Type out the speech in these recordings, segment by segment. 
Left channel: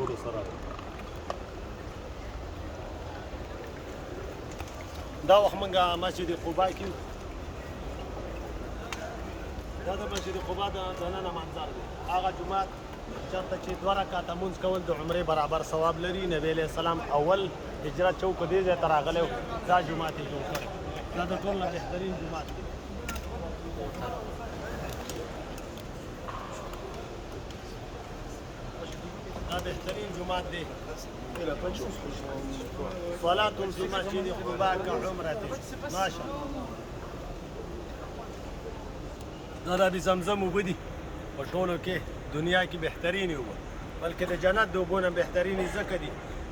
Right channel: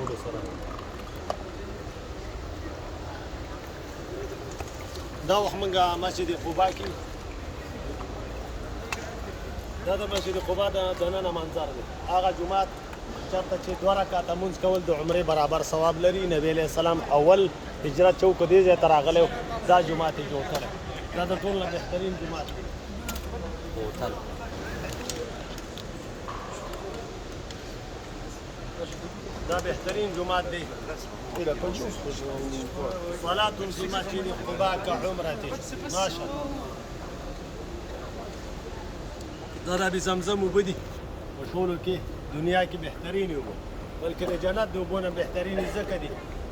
ټولو سره دا وخت موږ مسجد قبا کې دا د مسجد قبا د دننه منظر دی هغه جومات چېرته چې 2 رکعته لمونځ کول د عمرې برابر ثواب لري نبی علیه السلام اول هجرت چوک دې ځای ته راغلی دا جومات یې جوړ کړی دا د ټول نه بهترین جومات دی دا بهترین جومات دی صلاة في مسجد قباء كعمرته ماشاء الله دا د زمزم اوبه دي په ټولو کې دنیا کې بهترین اوبه بلکې د جنت د اوبو نه بهترینې ځکه دي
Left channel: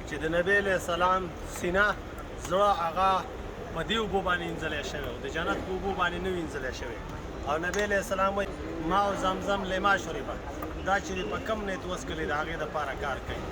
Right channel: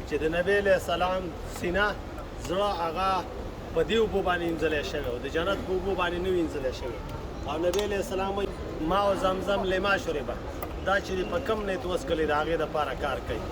چې د نبی علیه السلام سینه زړه هغه په دې اوبو باندې وینځلی شوی او د جنت په اوبو باندې نه وینځلی شوی او نبی علیه السلام وایي ما او زمزم لما شربه دا چې په کم نیت وڅښلې د هغې دپاره کار کوي